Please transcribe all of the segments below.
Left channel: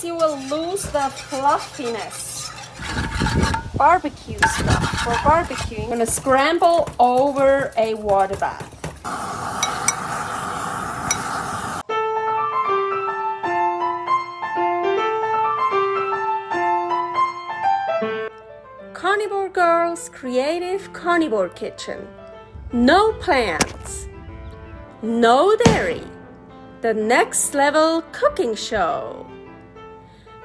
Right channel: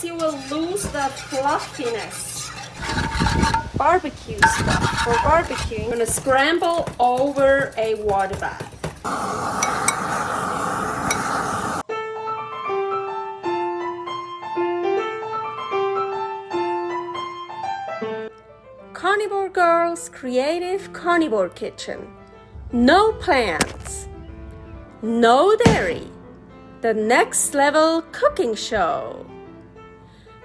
else you will lose the fluffiness. Barbecue stuff for barbecue. I'm gonna scramble over a water bath. Carnivore Girl's Creative Carnivore Kitchen. No plants, no dairy, the next level cooking show.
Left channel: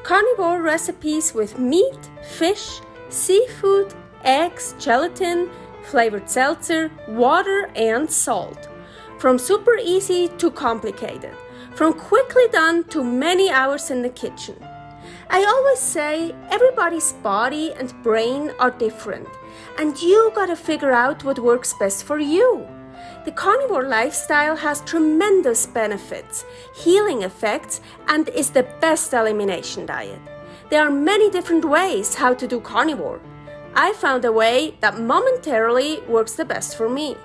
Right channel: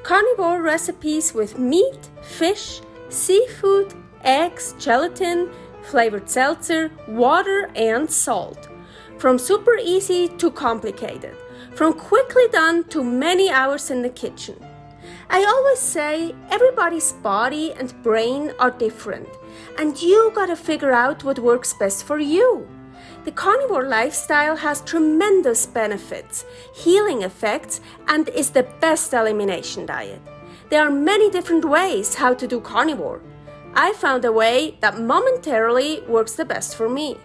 Carnivore recipes with meat, fish, seafood, eggs, gelatin, flavored seltzer, water and salt. From super easy to complicated, from quickly done to many hours in the kitchen. I always say everybody's body and brain are different, and you gotta figure out what works best for you. The carnivore lifestyle has tremendous benefits, healing effects, and is the best elimination diet. There are many different ways how to do carnivore. I found a way that momentarily works the best for me.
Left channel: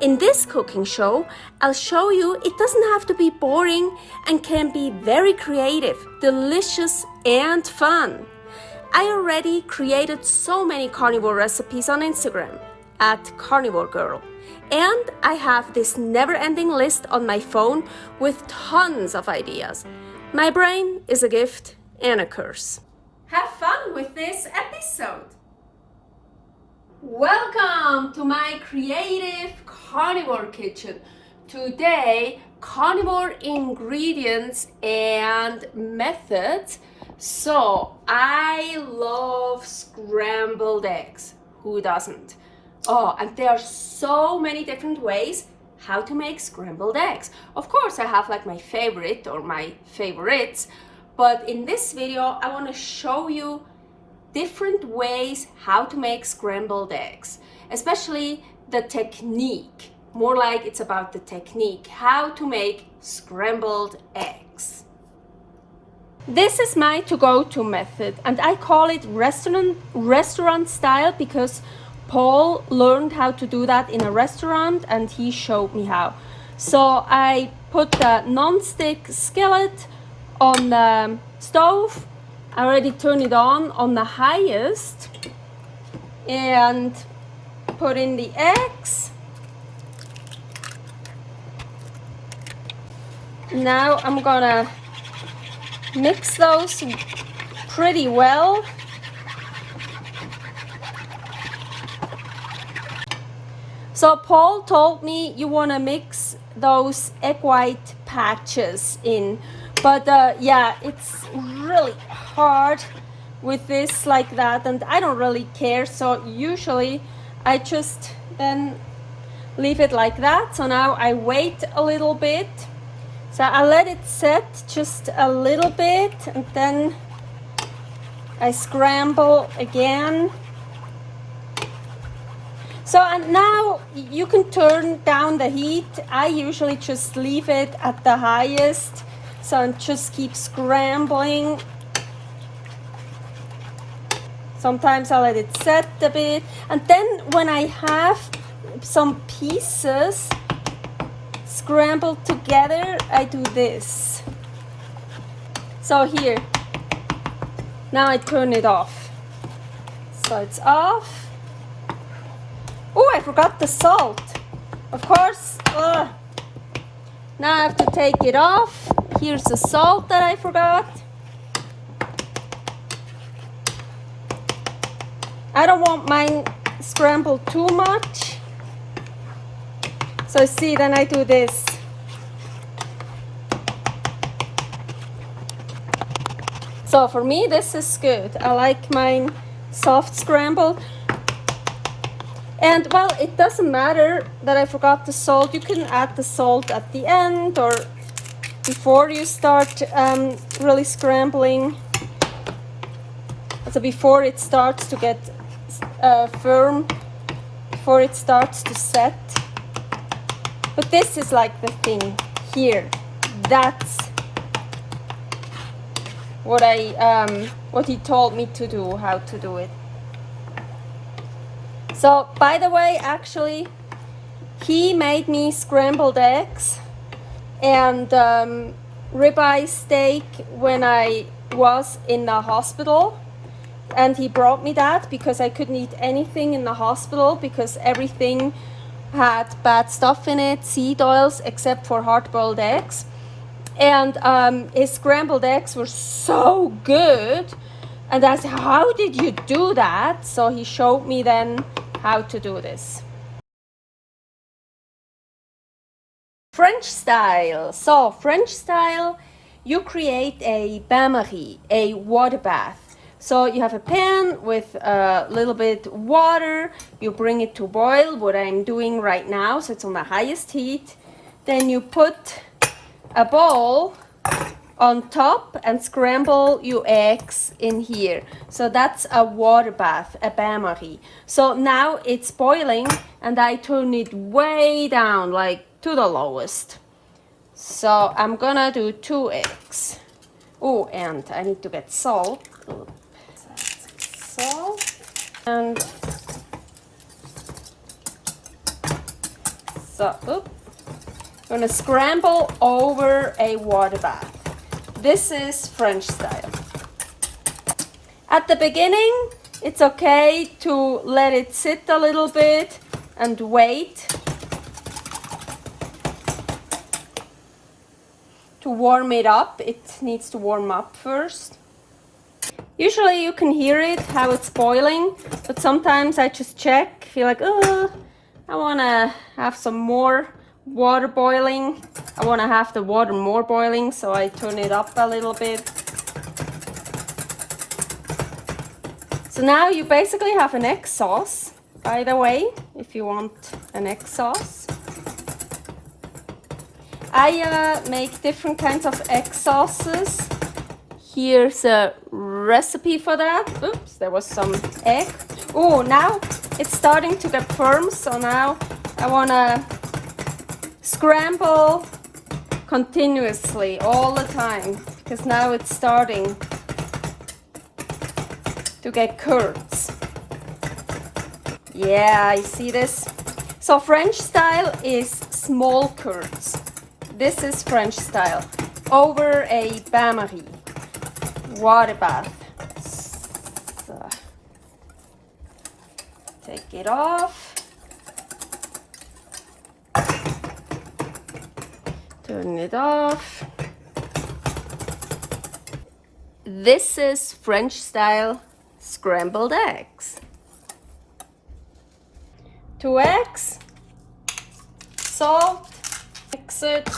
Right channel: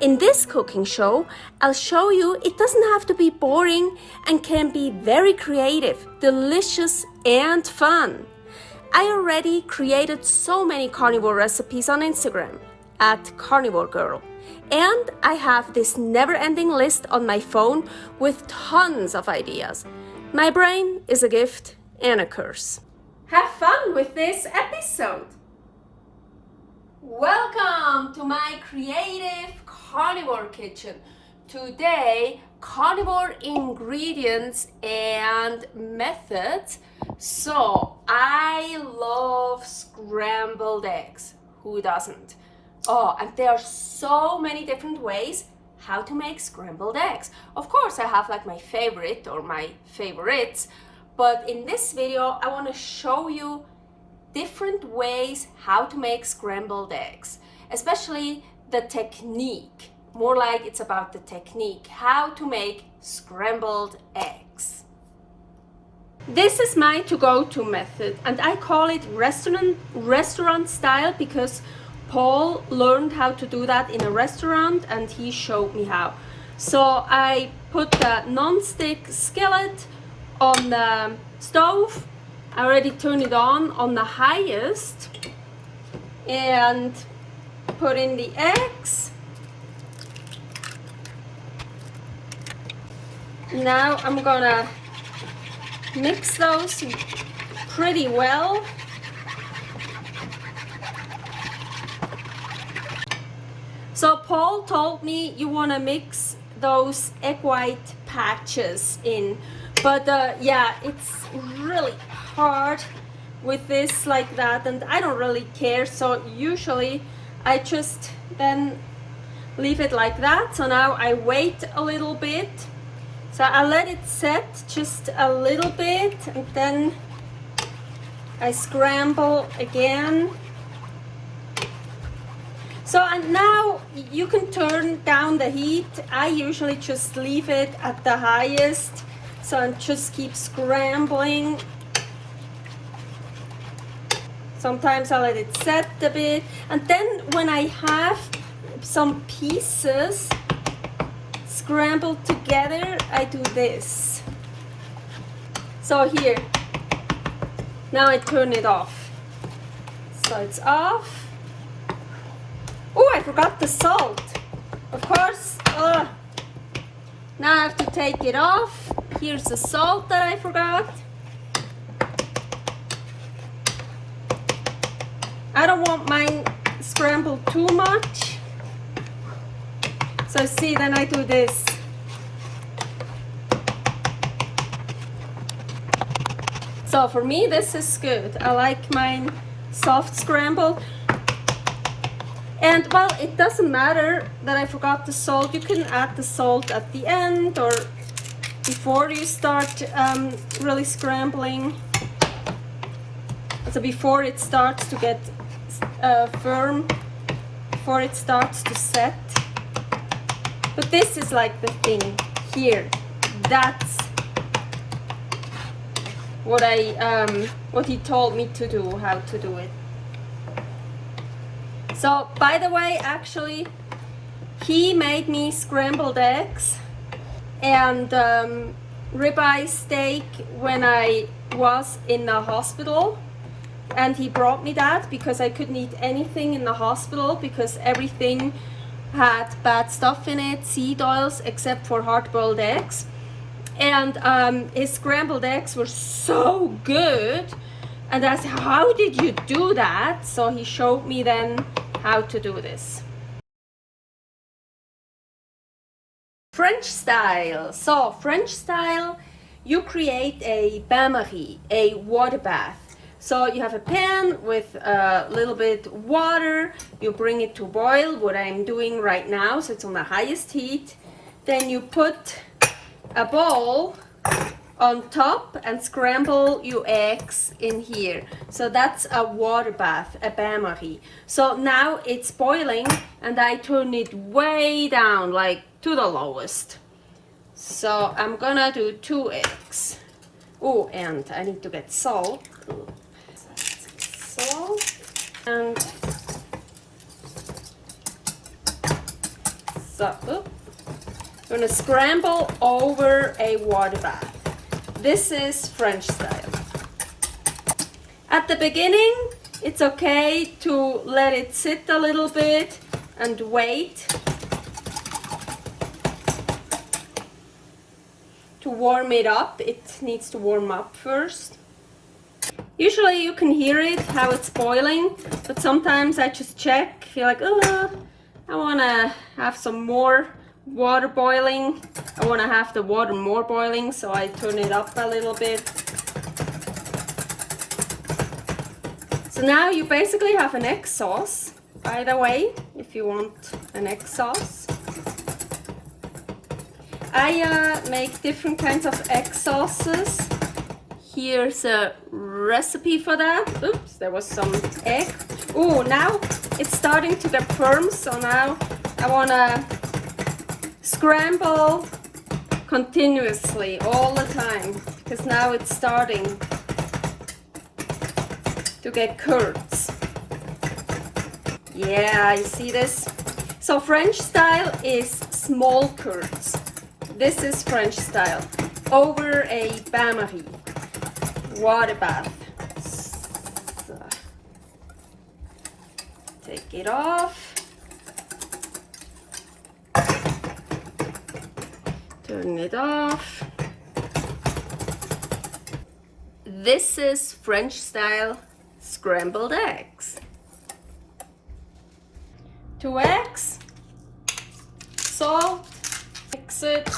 In this cooking show, I'll show you it doesn't have to be boring and can be very creative, delicious, and fun. I already created so many carnivore recipes on Instagram at Carnivore Girl, and I have this never-ending list on my phone with tons of ideas. My brain is a gift and a curse. Have fun with this episode! Welcome to my creative carnivore kitchen. Today, carnivore ingredients and methods. So, I love scrambled eggs. Who doesn't? Oh, and there are so many different ways how to make scrambled eggs. Of course, I have like my favorite or my favorites, but in this video, I want to show you different ways how to make scrambled eggs, especially the technique. More like it's about the technique, how to make scrambled eggs. This is my to-go-to method, and I call it restaurant style because Paul learned how to do that in a restaurant and he showed me how. So I put the non-stick skillet on the stove. I already turned it on the highest and put in the eggs. Now I'm gonna mix those pretty well. So Paul told me you wanna mix those egg white patches in, but yeah, it's really hard with this like that, and I don't really care, so usually I just then leave it like that. So now I wait a little bit, so I let it set just a little bit, and then I scramble again. So and now you can turn down the heat. I usually just leave it at the highest, so I just keep scrambling. Sometimes I let it set a bit, and then when I have some pieces scrambled together, I do this. So here, now I turn it off. So it's off. Oh, I forgot the salt. Of course, now I have to take it off. Here's the salt that I forgot. I don't want mine scrambled too much. So see, then I do this. So for me, this is good. I like mine soft scramble. And well, it doesn't matter that I forgot the salt. You can add the salt at the end or before you start really scrambling. So before it starts to get firm, before it starts to set. But this is like the thing here. That's what what he told me to do, how to do it. So by the way, actually, he made me scrambled eggs, and ribeye steak when I was in the hospital, and he brought me that because I couldn't eat anything in the hospital because everything had bad stuff in it, seed oils, except for hard-boiled eggs. And his scrambled eggs were so good, and I said, how did you do that? So he showed me then how to do this. French style. So French style, you create a bain-marie, a water bath. So you have a pan with a little bit water, you bring it to boil, what I'm doing right now, so it's on the highest heat. Then you put a bowl on top and scramble your eggs in here. So that's a water bath, a bain-marie. So now it's boiling and I turn it way down, like to the lowest. So I'm gonna do 2 eggs. Oh, and I need to get salt. Salt. And so, I'm gonna scramble over a water bath. This is French style. At the beginning, it's okay to let it sit a little bit and wait to warm it up. It needs to warm up first. Usually you can hear it, how it's boiling, but sometimes I just check, feel like, oh, I wanna have some more water boiling. I want to have the water more boiling, so I turn it up a little bit. So now you basically have an egg sauce, by the way, if you want an egg sauce. I make different kinds of egg sauces. Here's a recipe for that. Oops, there was some egg. Oh, now it's starting to get firm, so now I want to scramble continuously all the time because now it's starting to get curds. Yeah, you see this? So French style is small curds. This is French style over a bain-marie, water bath. So, take it off. Turn it off. This is French style scrambled eggs. 2 eggs, salt, mix it.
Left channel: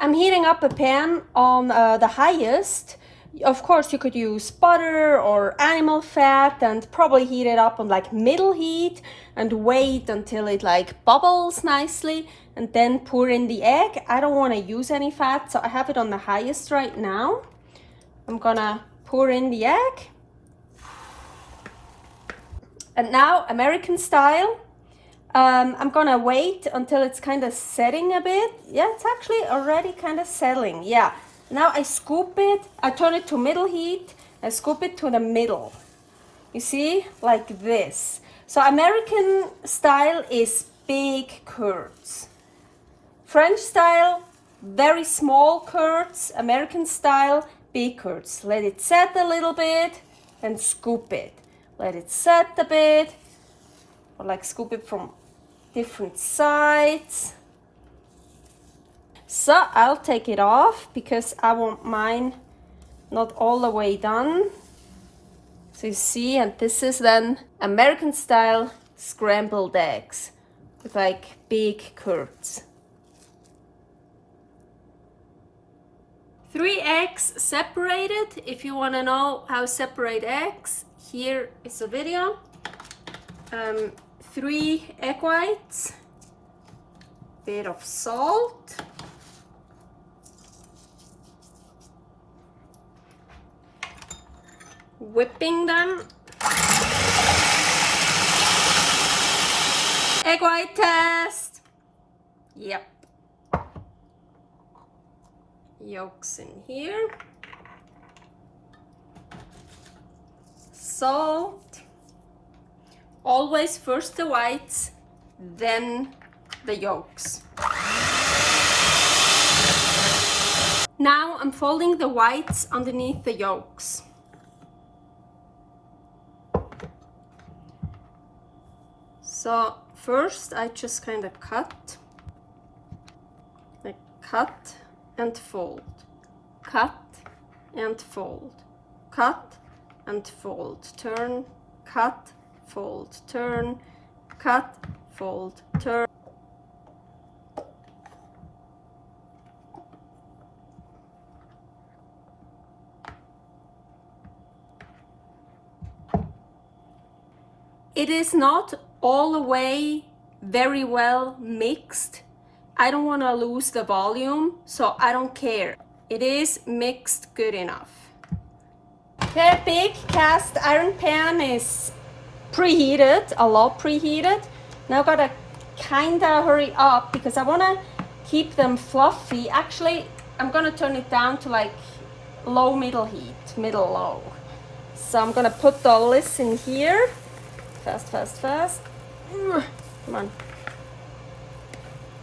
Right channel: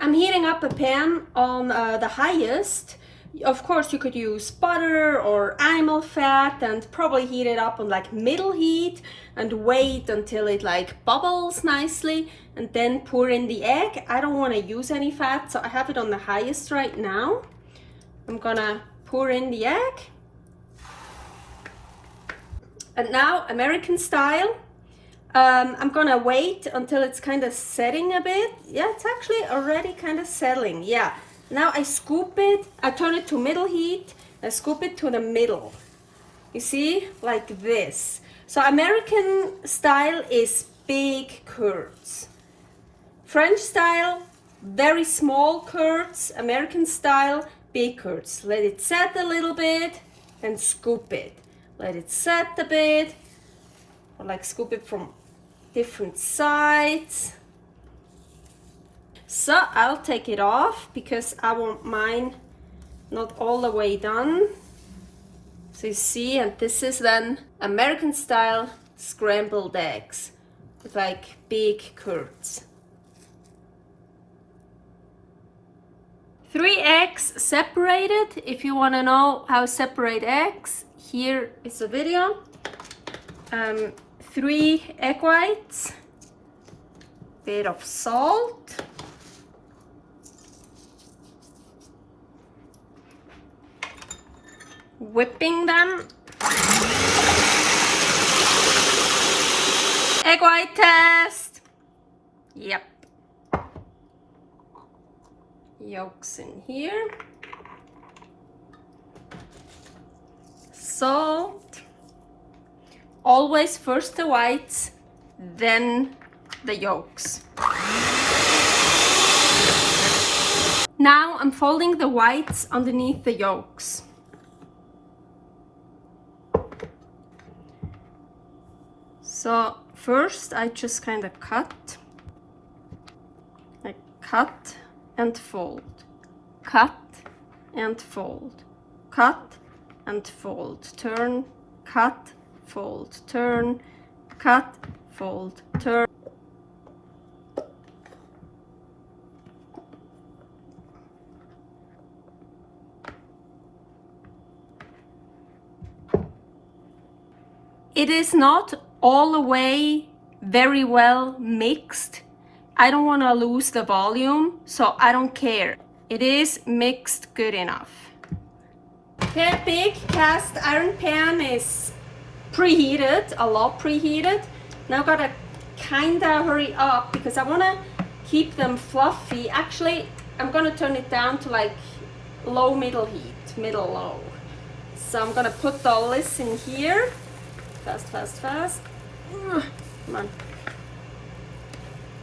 I'm heating up a pan on the highest. Of course you could use butter or animal fat and probably heat it up on like middle heat and wait until it like bubbles nicely and then pour in the egg. I don't want to use any fat, so I have it on the highest right now. I'm gonna pour in the egg. And now American style. I'm gonna wait until it's kind of setting a bit. Yeah, it's actually already kind of settling. Yeah. Now I scoop it, I turn it to middle heat, I scoop it to the middle. You see, like this. So American style is big curds. French style, very small curds. American style, big curds. Let it set a little bit and scoop it. Let it set a bit, or like scoop it from different sides. So I'll take it off because I want mine not all the way done. So you see, and this is then American style scrambled eggs with like big curds. 3 eggs separated. If you want to know how to separate eggs, here is a video. 3 egg whites, bit of salt, whipping them. Egg white test. Yep. Yolks in here. Salt. Always first the whites, then the yolks. unfolding the whites underneath the yolks. So first I just kind of cut. I cut and fold, cut and fold, cut and fold, turn, cut, fold, turn, cut, fold, turn. It is not all the way very well mixed. I don't want to lose the volume, so I don't care. It is mixed good enough. The big cast iron pan is preheated, a lot preheated. Now gotta kinda hurry up because I wanna keep them fluffy. Actually, I'm gonna turn it down to like low middle heat, middle low. So I'm gonna put all this in here. Fast, fast, fast. Come on.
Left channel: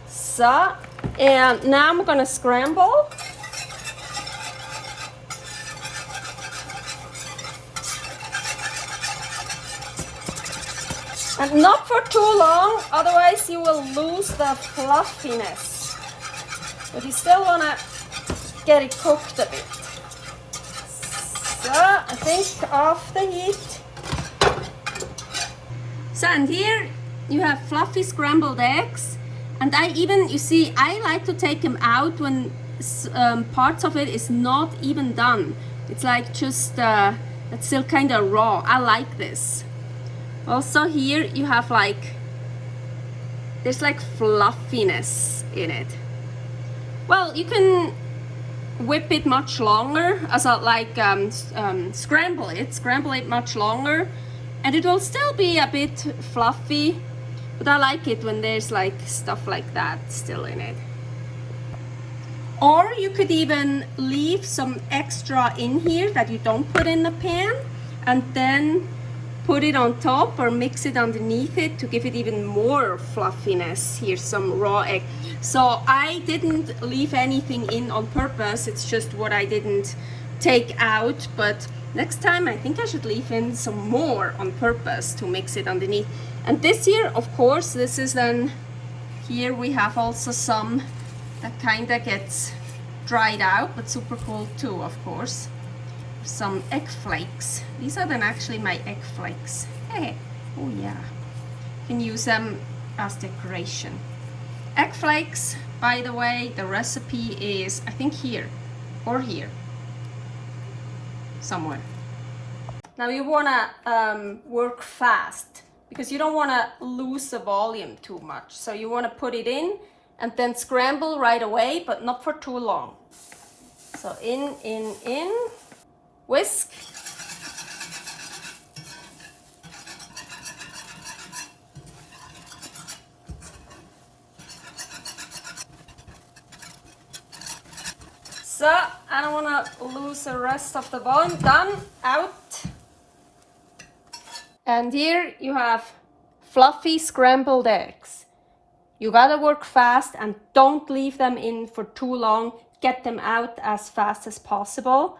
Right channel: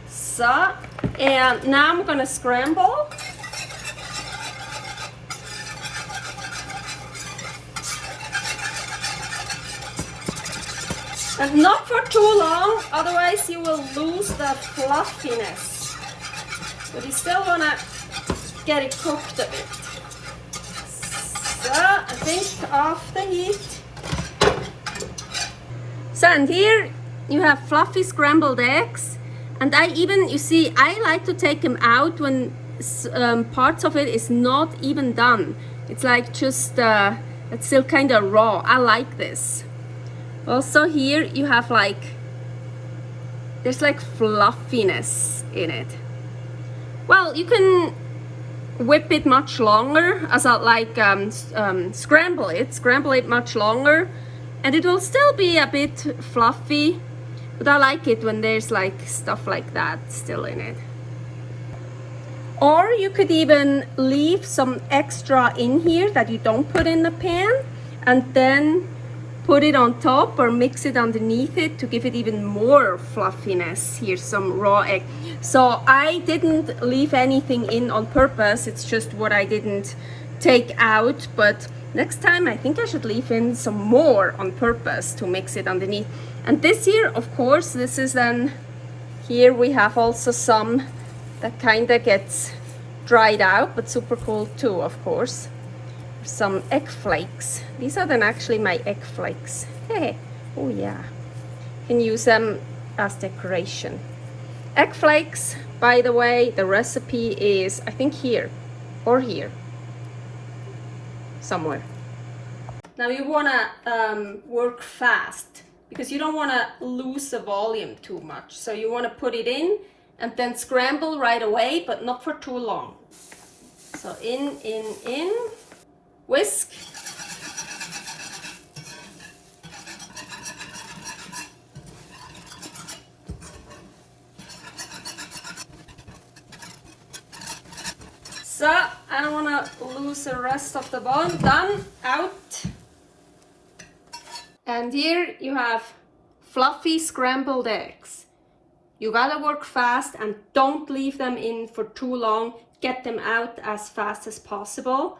So, and now I'm gonna scramble. And not for too long, otherwise you will lose the fluffiness. But you still wanna get it cooked a bit. So, I think off the heat. So, and here you have fluffy scrambled eggs. And I even, you see, I like to take them out when parts of it is not even done. It's like just, it's still kind of raw. I like this. Also here you have like, there's like fluffiness in it. Well, you can whip it much longer, as I like scramble it much longer, and it will still be a bit fluffy, but I like it when there's like stuff like that still in it. Or you could even leave some extra in here that you don't put in the pan and then put it on top or mix it underneath it to give it even more fluffiness. Here's some raw egg. So I didn't leave anything in on purpose, it's just what I didn't take out, but next time I think I should leave in some more on purpose to mix it underneath. And this here, of course, this is then, here we have also some that kind of gets dried out, but super cool too, of course. Some egg flakes. These are then actually my egg flakes. Hey, oh yeah. You can use them as decoration. Egg flakes, by the way, the recipe is, I think here, or here, somewhere. Now you wanna work fast because you don't wanna lose the volume too much. So you wanna put it in and then scramble right away, but not for too long. So in. Whisk. So I don't want to lose the rest of the bone. Done, out. And here you have fluffy scrambled eggs. You gotta work fast and don't leave them in for too long. Get them out as fast as possible.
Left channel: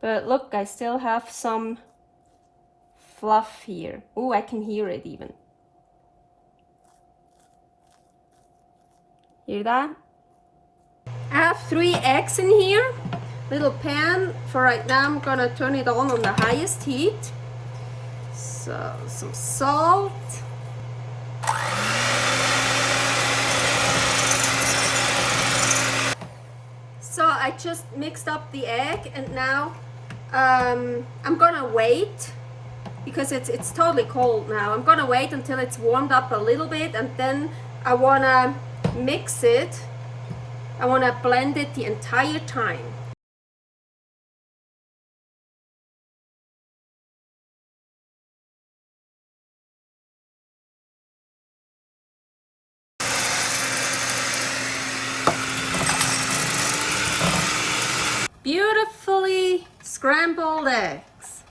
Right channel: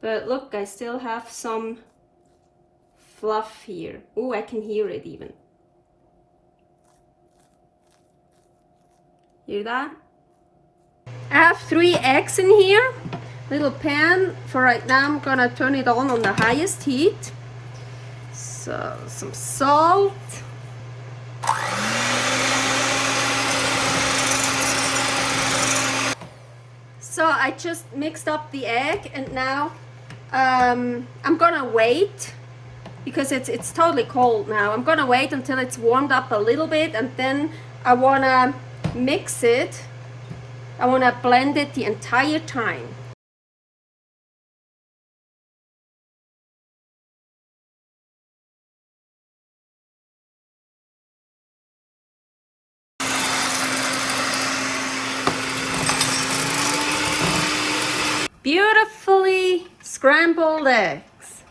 But look, I still have some fluff here. Oh, I can hear it even. Hear that? I have 3 eggs in here. Little pan. For right now, I'm gonna turn it on the highest heat. So, some salt. So I just mixed up the egg, and now I'm gonna wait because it's totally cold now. I'm gonna wait until it's warmed up a little bit, and then I wanna mix it. I wanna blend it the entire time. Beautifully scrambled eggs.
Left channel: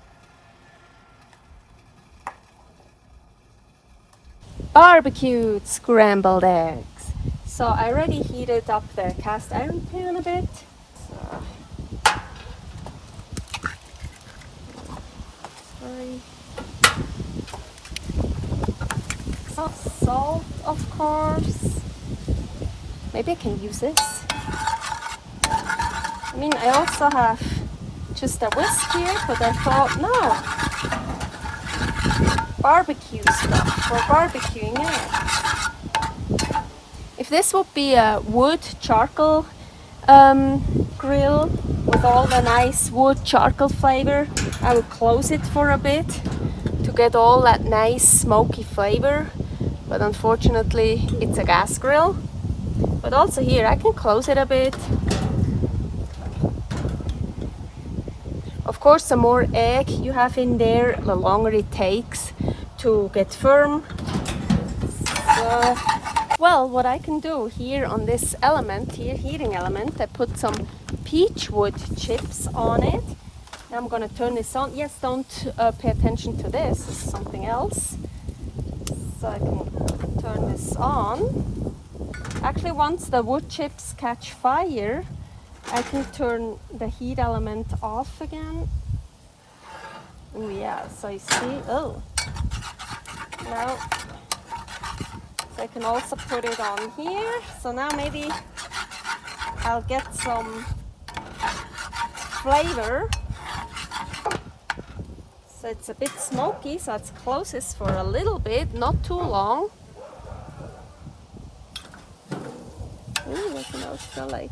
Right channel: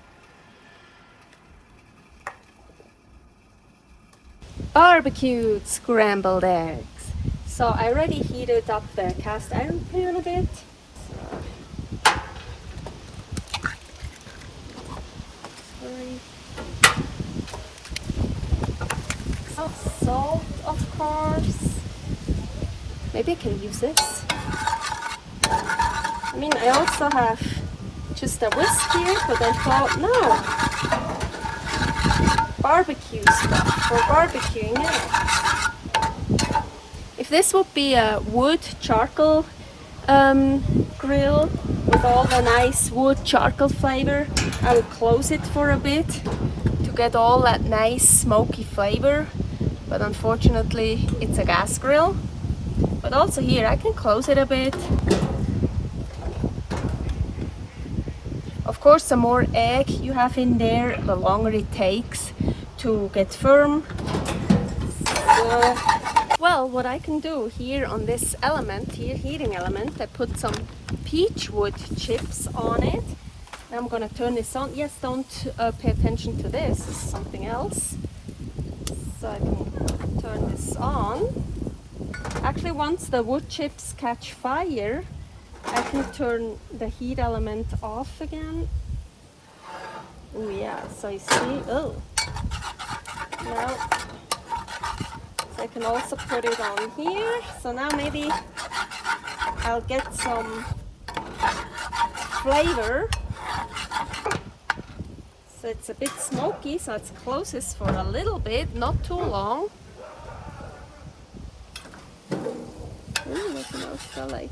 Barbecued scrambled eggs. So I already heated up the cast iron pan a bit. So Salt, of course. Maybe I can use this. I mean, I also have just a whisk here, but I thought, no. Barbecue stuff for barbecuing, yeah. If this would be a wood charcoal grill with all the nice wood charcoal flavor, I would close it for a bit to get all that nice smoky flavor. But unfortunately, it's a gas grill. But also here, I can close it a bit. Of course, the more egg you have in there, the longer it takes to get firm. So, well, what I can do here on this element, here, heating element, I put some peach wood chips on it. Now I'm gonna turn this on. Yes, don't pay attention to this, this is something else. So I can turn this on. Actually, once the wood chips catch fire, I can turn the heat element off again. Yeah, so you see, oh. Now, so I can also put it on here. So now maybe I'll get some flavor. So it's a bit smoky, so let's close this for a little bit, not too long. I can also like.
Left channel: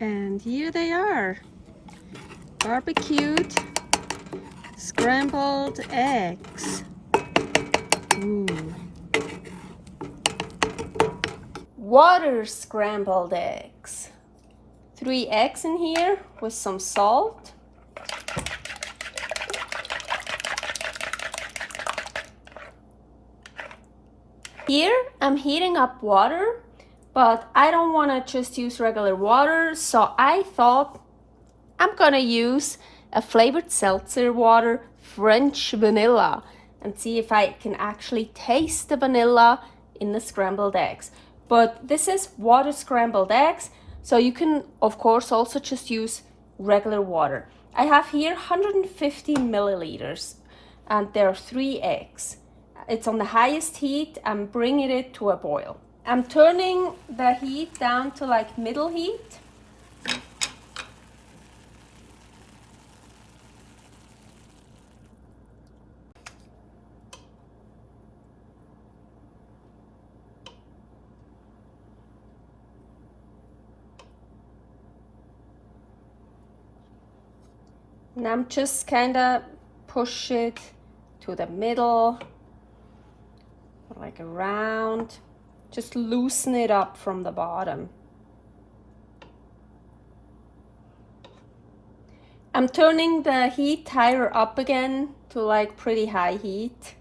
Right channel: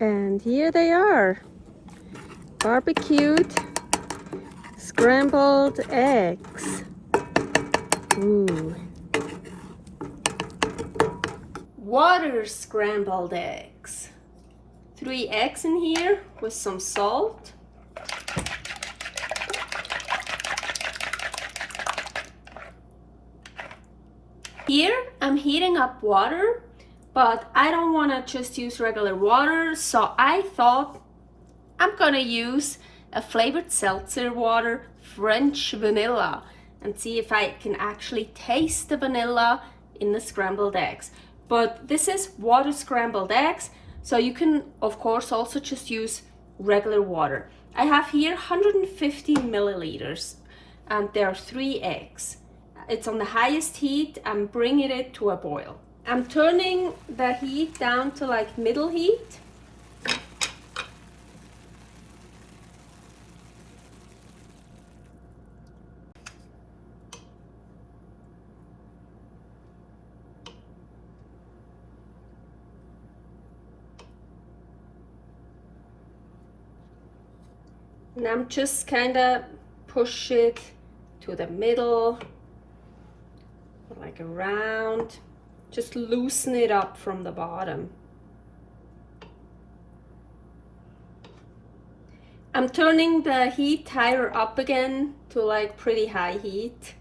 And here they are, barbecued scrambled eggs. Ooh. Water scrambled eggs. 3 eggs in here with some salt. Here I'm heating up water, but I don't want to just use regular water, so I thought I'm gonna use a flavored seltzer water, French vanilla, and see if I can actually taste the vanilla in the scrambled eggs. But this is water scrambled eggs, so you can of course also just use regular water. I have here 150 milliliters and there are 3 eggs. It's on the highest heat. I'm bringing it to a boil. I'm turning the heat down to like middle heat. And I'm just kind of push it to the middle, like around, just loosen it up from the bottom. I'm turning the heat higher up again to like pretty high heat.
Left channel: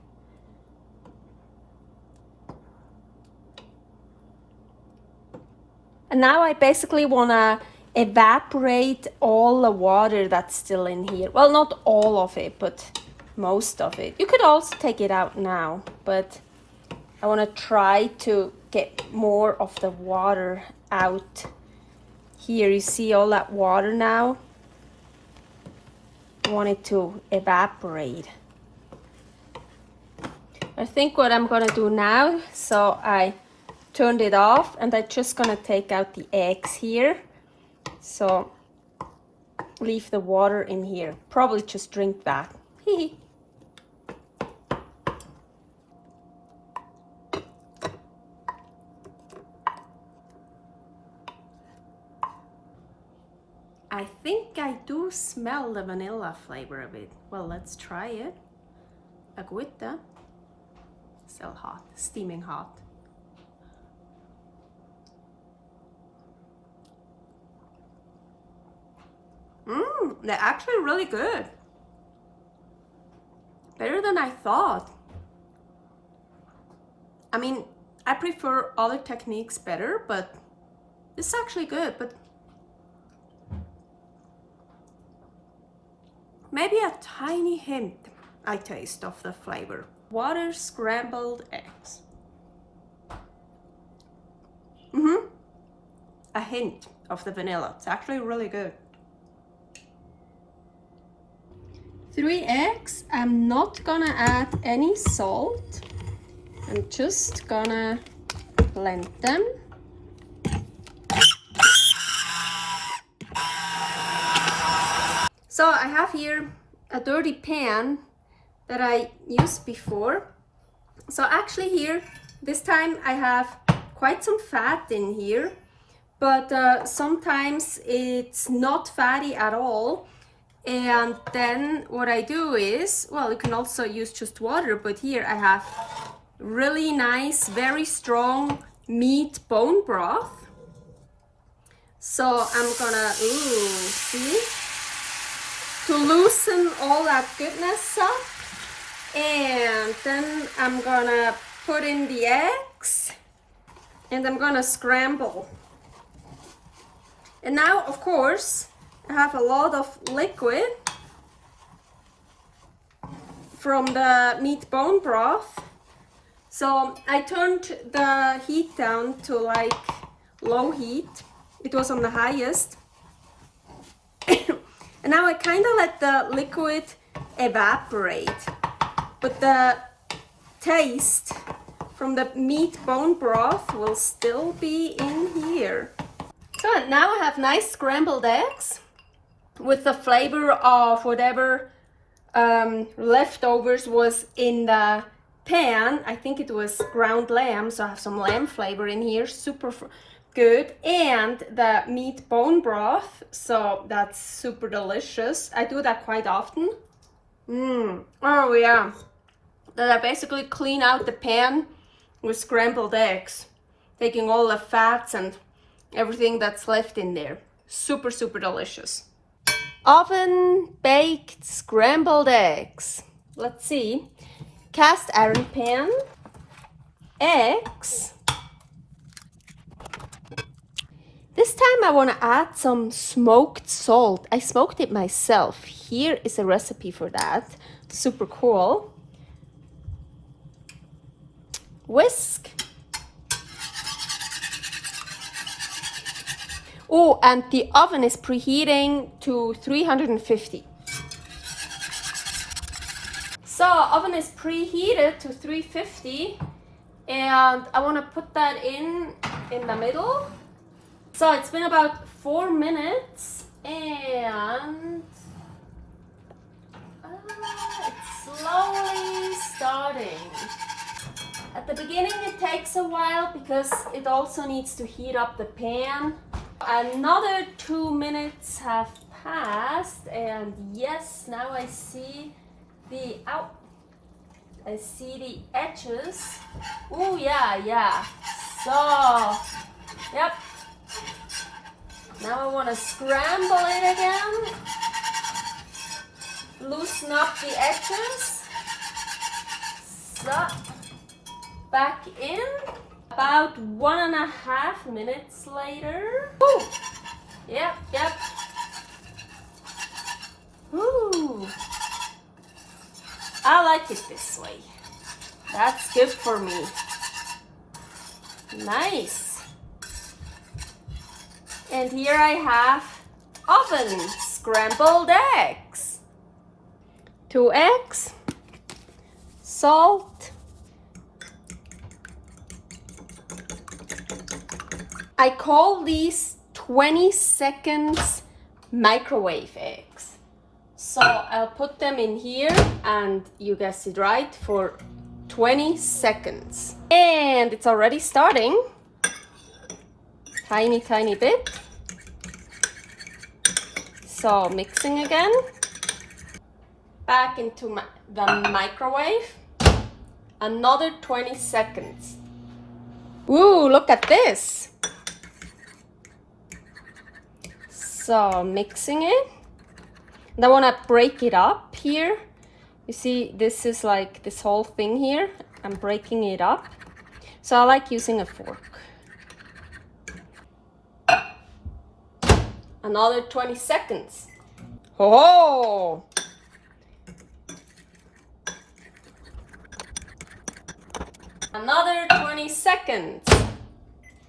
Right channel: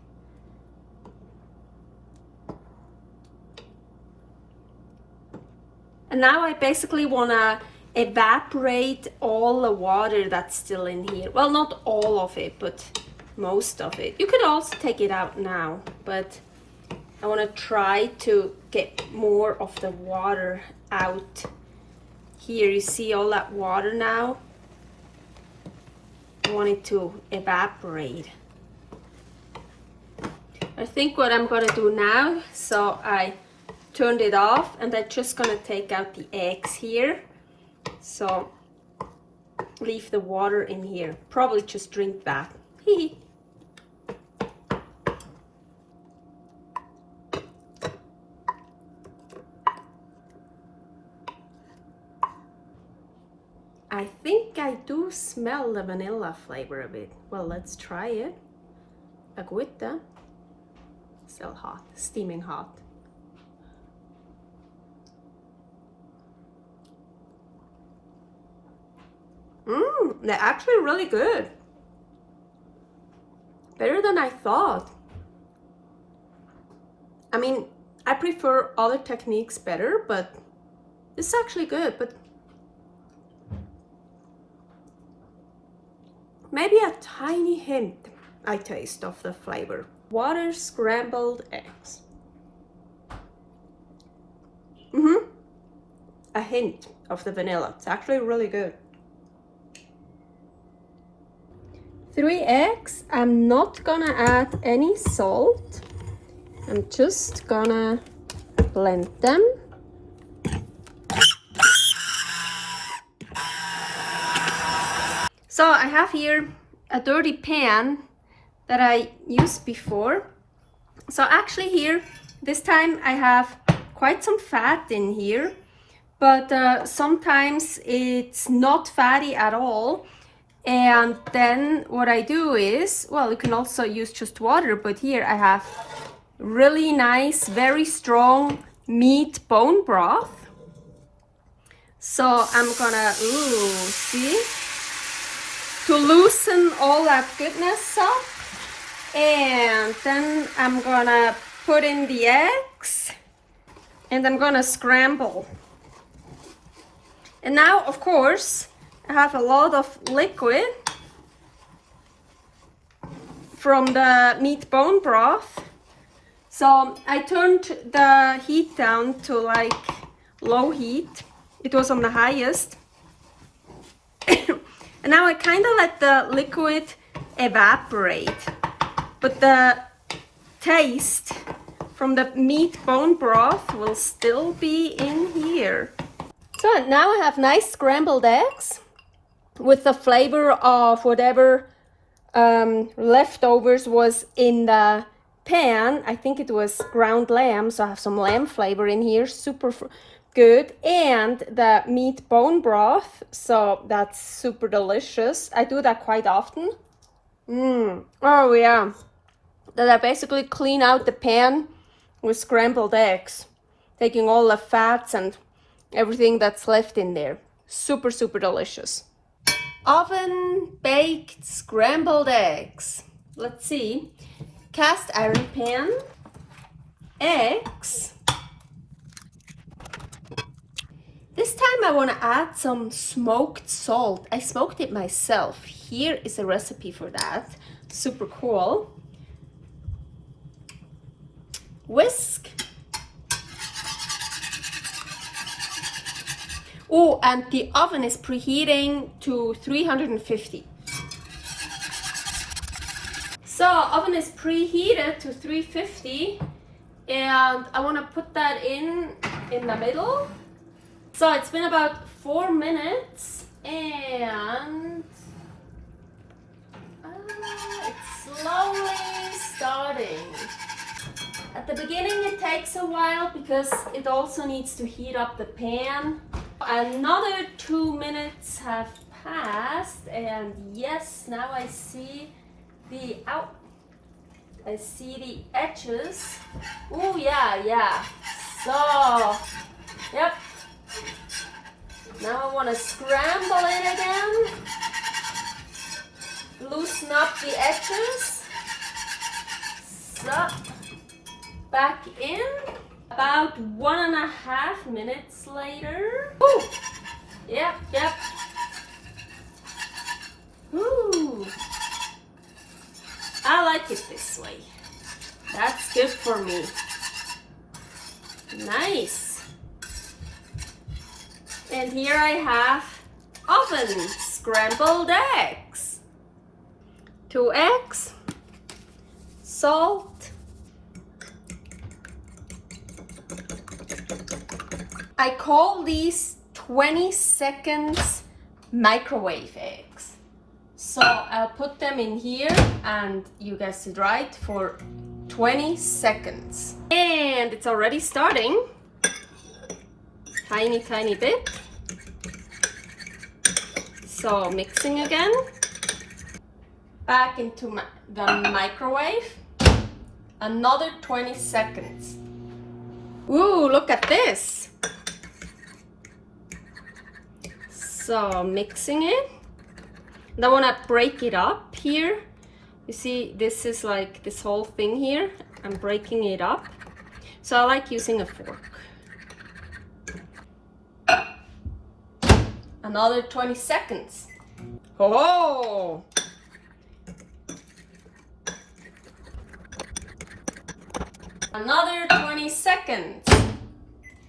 And now I basically want to evaporate all the water that's still in here. Well, not all of it, but most of it. You could also take it out now, but I want to try to get more of the water out. Here you see all that water now. I want it to evaporate. I think what I'm gonna do now, so I turned it off and I'm just gonna take out the eggs here. So leave the water in here. Probably just drink that. I think I do smell the vanilla flavor a bit. Well, let's try it. Agüita. Still hot, steaming hot. They're actually really good. Better than I thought. I mean, I prefer other techniques better, but this is actually good. But maybe a tiny hint I taste of the flavor. Water scrambled eggs. A hint of the vanilla. It's actually really good. 3 eggs. I'm not gonna add any salt. I'm just gonna blend them. So I have here a dirty pan that I used before. So actually here, this time I have quite some fat in here, but sometimes it's not fatty at all. And then what I do is, well, you can also use just water, but here I have really nice, very strong meat bone broth. So I'm gonna, see? To loosen all that goodness up. And then I'm gonna put in the eggs and I'm gonna scramble. And now, of course, I have a lot of liquid from the meat bone broth. So I turned the heat down to like low heat. It was on the highest. And now I kind of let the liquid evaporate. But the taste from the meat bone broth will still be in here. So now I have nice scrambled eggs with the flavor of whatever leftovers was in the pan. I think it was ground lamb, so I have some lamb flavor in here, super good. And the meat bone broth, so that's super delicious. I do that quite often. Oh yeah. That I basically clean out the pan with scrambled eggs, taking all the fats and everything that's left in there. Super, super delicious. Oven baked scrambled eggs. Let's see. Cast iron pan, eggs. This time I want to add some smoked salt. I smoked it myself. Here is a recipe for that. Super cool. Whisk. Oh, and the oven is preheating to 350. So oven is preheated to 350 and I want to put that in the middle. So it's been about 4 minutes and it's slowly starting. At the beginning it takes a while because it also needs to heat up the pan. Another 2 minutes have passed and yes, now I see the edges. Oh yeah. So, yep. Now I want to scramble it again. Loosen up the edges. So, back in. About 1.5 minutes later. Woo! Yep. Ooh. I like it this way. That's good for me. Nice. And here I have oven scrambled eggs. 2 eggs, salt, I call these 20 seconds microwave eggs. So I'll put them in here and you guessed it right, for 20 seconds. And it's already starting. Tiny bit. So mixing again. Back into the microwave. Another 20 seconds. Ooh, look at this. So mixing it. And I want to break it up here. You see, this is like this whole thing here. I'm breaking it up. So I like using a fork. Another 20 seconds. Oh! Another 20 seconds.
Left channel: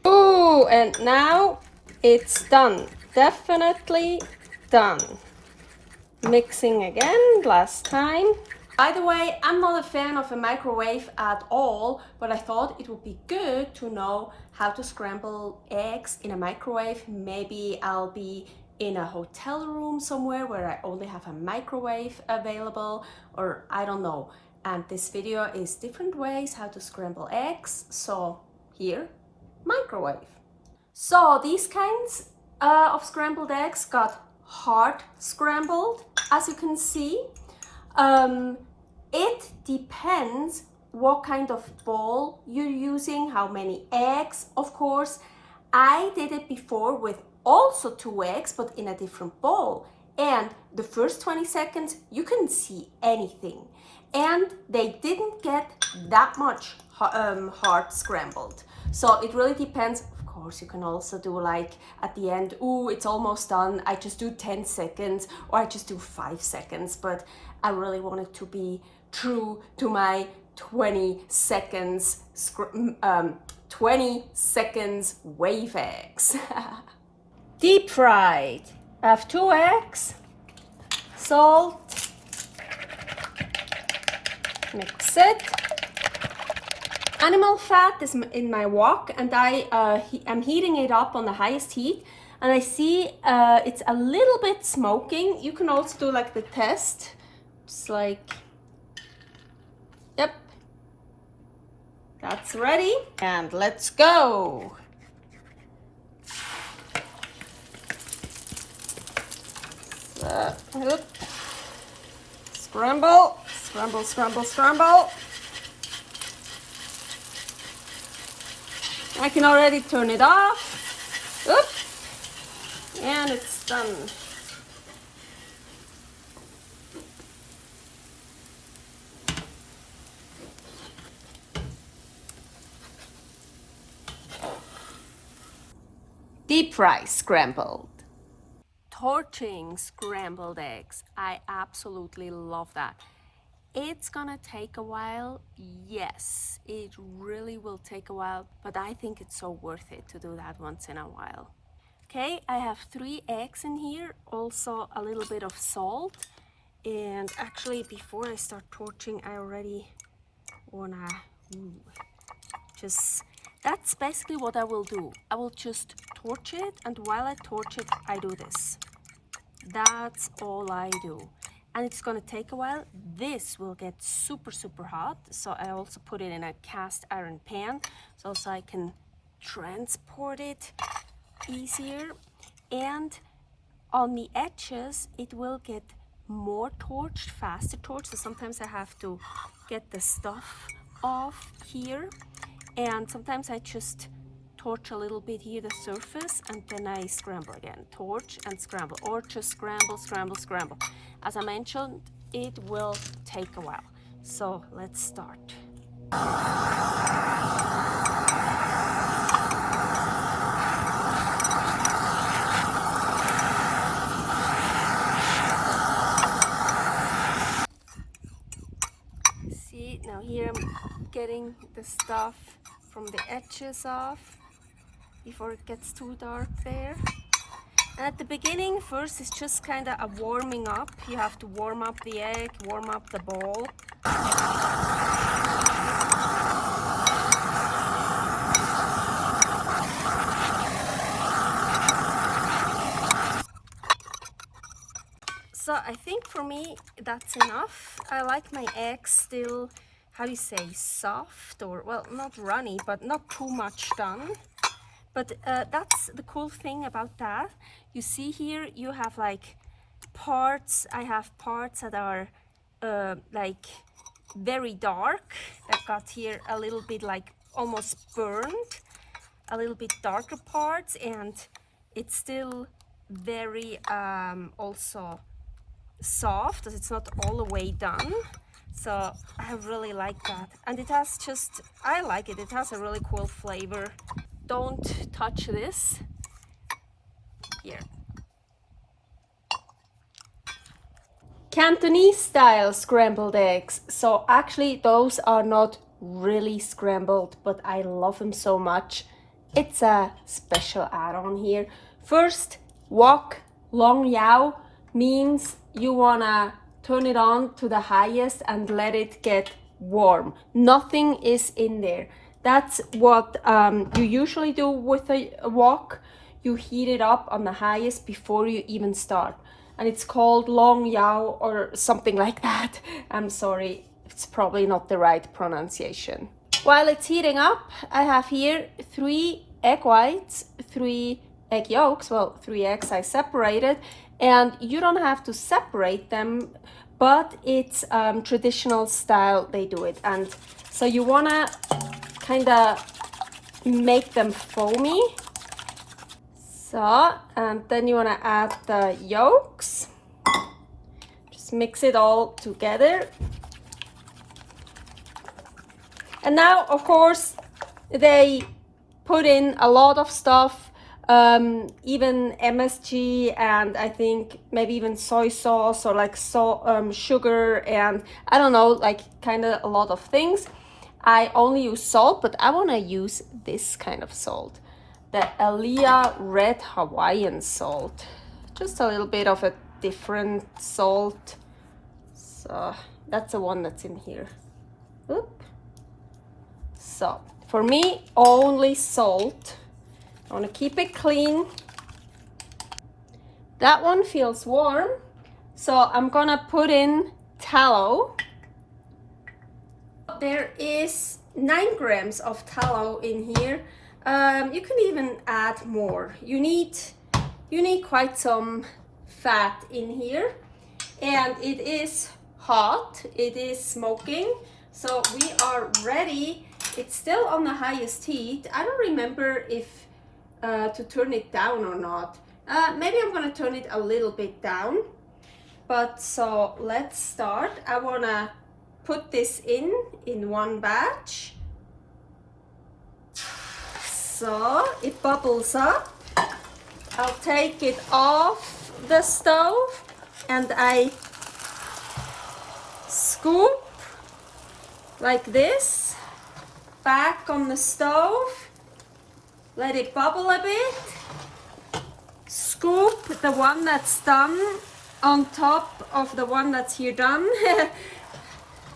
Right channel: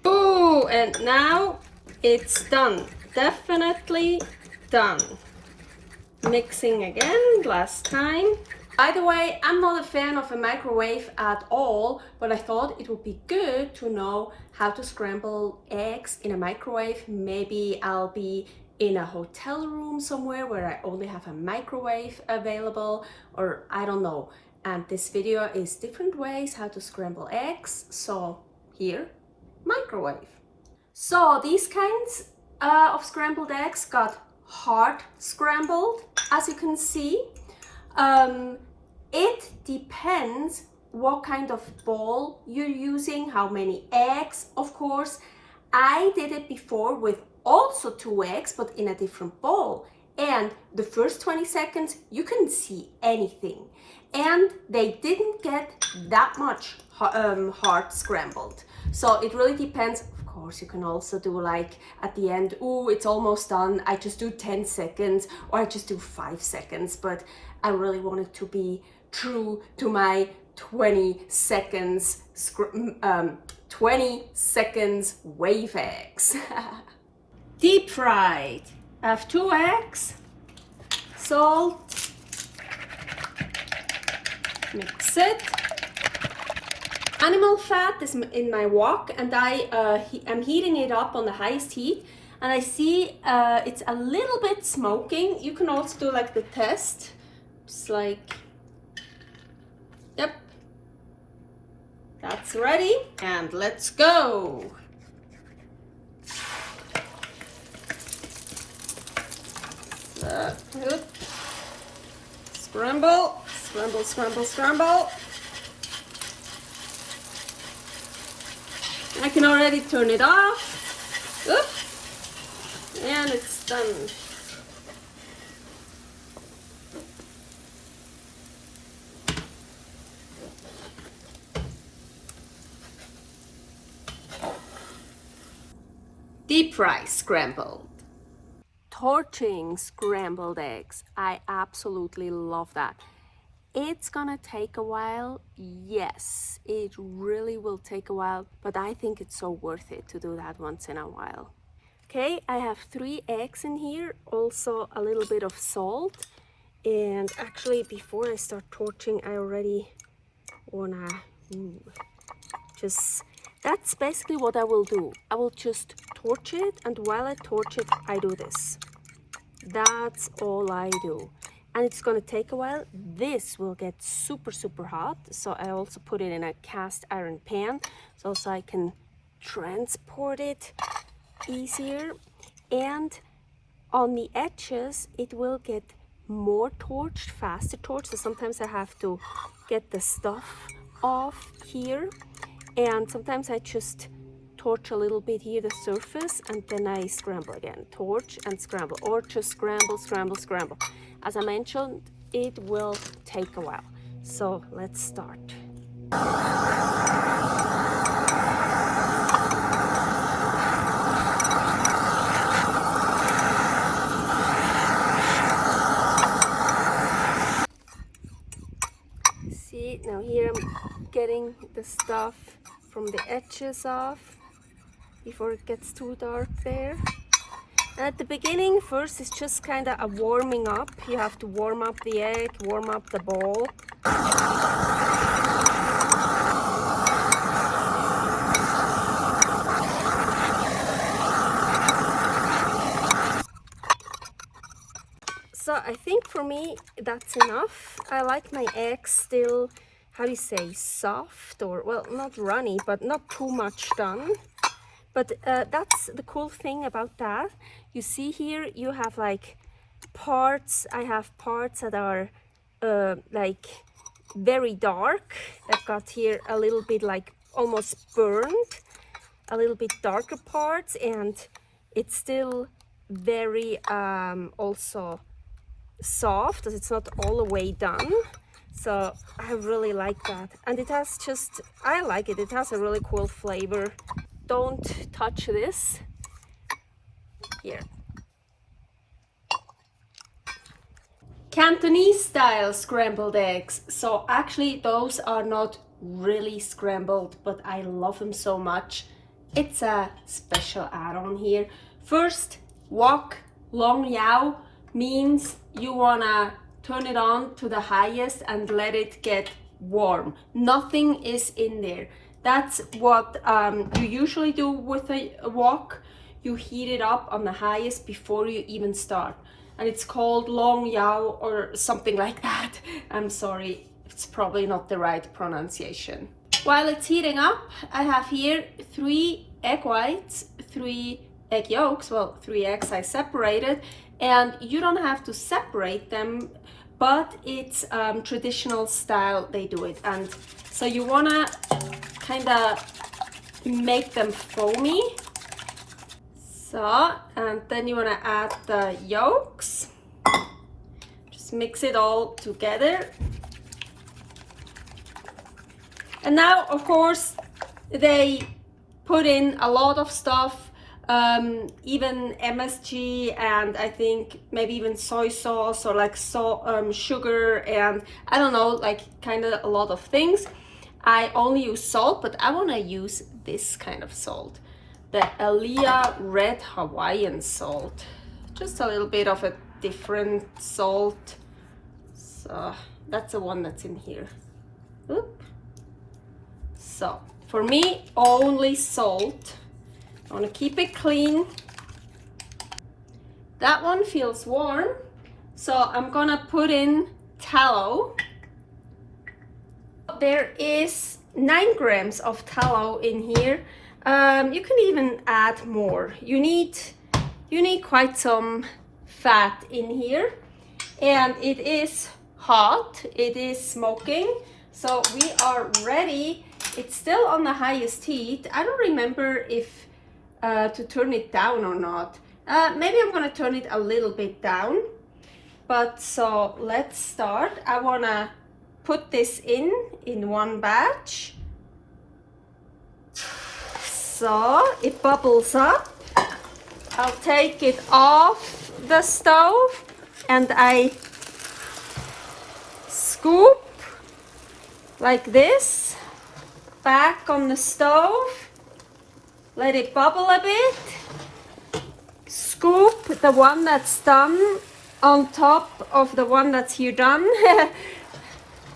Ooh, and now it's done. Definitely done. Mixing again, last time. By the way, I'm not a fan of a microwave at all, but I thought it would be good to know how to scramble eggs in a microwave. Maybe I'll be in a hotel room somewhere where I only have a microwave available, or I don't know. And this video is different ways how to scramble eggs. So here, microwave. So these kinds of scrambled eggs got hard scrambled, as you can see. It depends what kind of bowl you're using, how many eggs, of course. I did it before with also 2 eggs, but in a different bowl. And the first 20 seconds, you couldn't see anything. And they didn't get that much hard scrambled. So it really depends. Of course, you can also do like at the end, ooh, it's almost done. I just do 10 seconds or I just do 5 seconds. But I really wanted to be true to my 20 seconds wave eggs. Deep fried. I have 2 eggs, salt, mix it. Animal fat is in my wok, and I'm heating it up on the highest heat, and I see it's a little bit smoking. You can also do like the test, just like, yep, that's ready, and let's go. Scramble, scramble, scramble, scramble. I can already turn it off. Oop. And it's done. Deep fry scrambled. Torching scrambled eggs. I absolutely love that. It's gonna take a while. Yes, it really will take a while, but I think it's so worth it to do that once in a while. Okay, I have 3 eggs in here, also a little bit of salt. And actually, before I start torching, I already wanna that's basically what I will do. I will just torch it, and while I torch it, I do this. That's all I do. And it's gonna take a while. This will get super, super hot. So I also put it in a cast iron pan, so I can transport it easier. And on the edges, it will get more torched, faster torched. So sometimes I have to get the stuff off here. And sometimes I just torch a little bit here, the surface, and then I scramble again. Torch and scramble, or just scramble, scramble, scramble. As I mentioned, it will take a while. So let's start. See, now here I'm getting the stuff from the edges off before it gets too dark there. And at the beginning, first it's just kind of a warming up. You have to warm up the egg, warm up the bowl. So I think for me that's enough. I like my eggs still, how do you say, soft, or well, not runny, but not too much done. But that's the cool thing about that. You see here, you have like parts. I have parts that are like very dark. I've got here a little bit like almost burned, a little bit darker parts, and it's still very also soft, as it's not all the way done. So I really like that. And it has just, I like it. It has a really cool flavor. Don't touch this. Here. Cantonese style scrambled eggs. So actually those are not really scrambled, but I love them so much. It's a special add-on here. First, wok, long yao, means you wanna turn it on to the highest and let it get warm. Nothing is in there. That's what you usually do with a wok. You heat it up on the highest before you even start. And it's called long yao or something like that. I'm sorry, it's probably not the right pronunciation. While it's heating up, I have here 3 egg whites, 3 egg yolks, well, 3 eggs I separated, and you don't have to separate them, but it's traditional style they do it. And so you wanna kind of make them foamy. So, and then you wanna add the yolks. Just mix it all together. And now, of course, they put in a lot of stuff, even MSG, and I think maybe even soy sauce, or like sugar, and I don't know, like kind of a lot of things. I only use salt, but I want to use this kind of salt, the Elia red Hawaiian salt. Just a little bit of a different salt. So that's the one that's in here. Oop. So for me, only salt. I want to keep it clean. That one feels warm, so I'm gonna put in tallow. There is 9 grams of tallow in here. You can even add more. You need quite some fat in here, and it is hot. It is smoking, so we are ready. It's still on the highest heat. I don't remember if to turn it down or not. Maybe I'm gonna turn it a little bit down. But so let's start. I wanna put this in one batch. So it bubbles up. I'll take it off the stove and I scoop like this back on the stove. Let it bubble a bit. Scoop the one that's done on top of the one that's here done.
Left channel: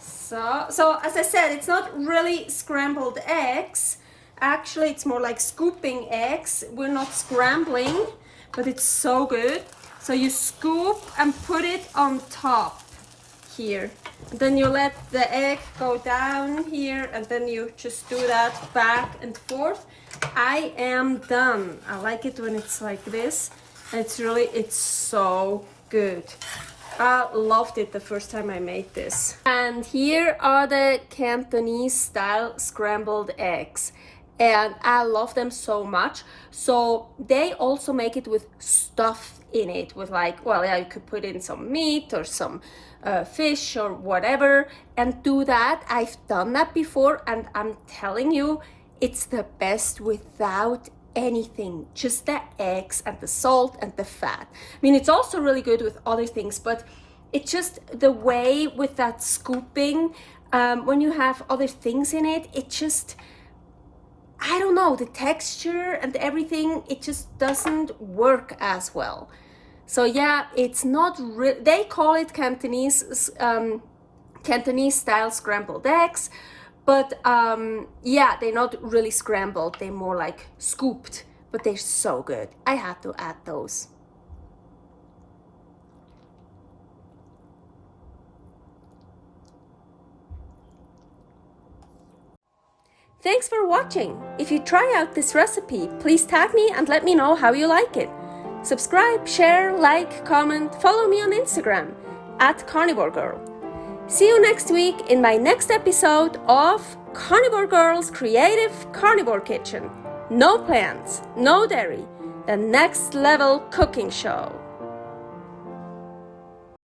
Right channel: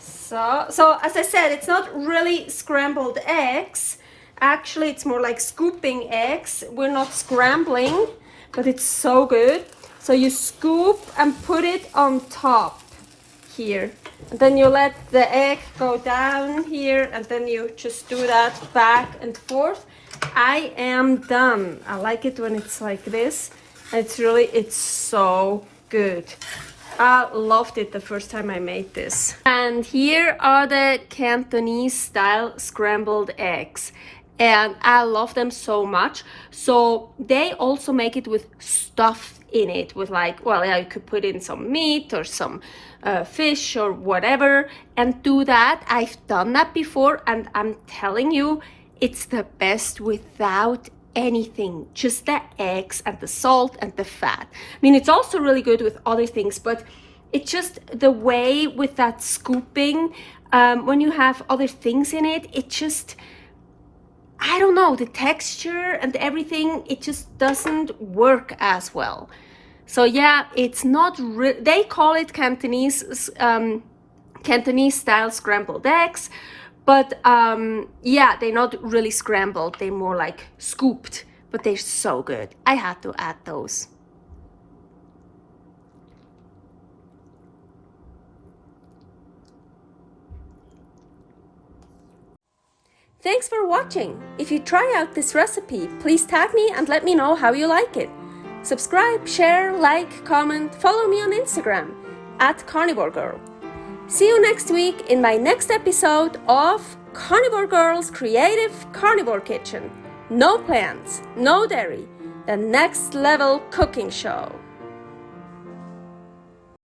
So as I said, it's not really scrambled eggs. Actually, it's more like scooping eggs. We're not scrambling, but it's so good. So you scoop and put it on top here. And then you let the egg go down here, and then you just do that back and forth. I am done. I like it when it's like this. It's so good. I loved it the first time I made this. And here are the Cantonese style scrambled eggs. And I love them so much. So they also make it with stuff in it, with like, well, yeah, you could put in some meat or some fish or whatever and do that. I've done that before, and I'm telling you, it's the best without anything, just the eggs and the salt and the fat. I mean, it's also really good with other things, but it's just the way with that scooping, when you have other things in it, it just, I don't know, the texture and everything, it just doesn't work as well. So yeah, it's not they call it Cantonese style scrambled eggs, but yeah, they're not really scrambled, they're more like scooped, but they're so good. I had to add those. Thanks for watching. If you try out this recipe, please tag me and let me know how you like it. Subscribe, share, like, comment, follow me on Instagram @Carnivore Girl. See you next week in my next episode of Carnivore Girl's Creative Carnivore Kitchen. No plants, no dairy, the next level cooking show.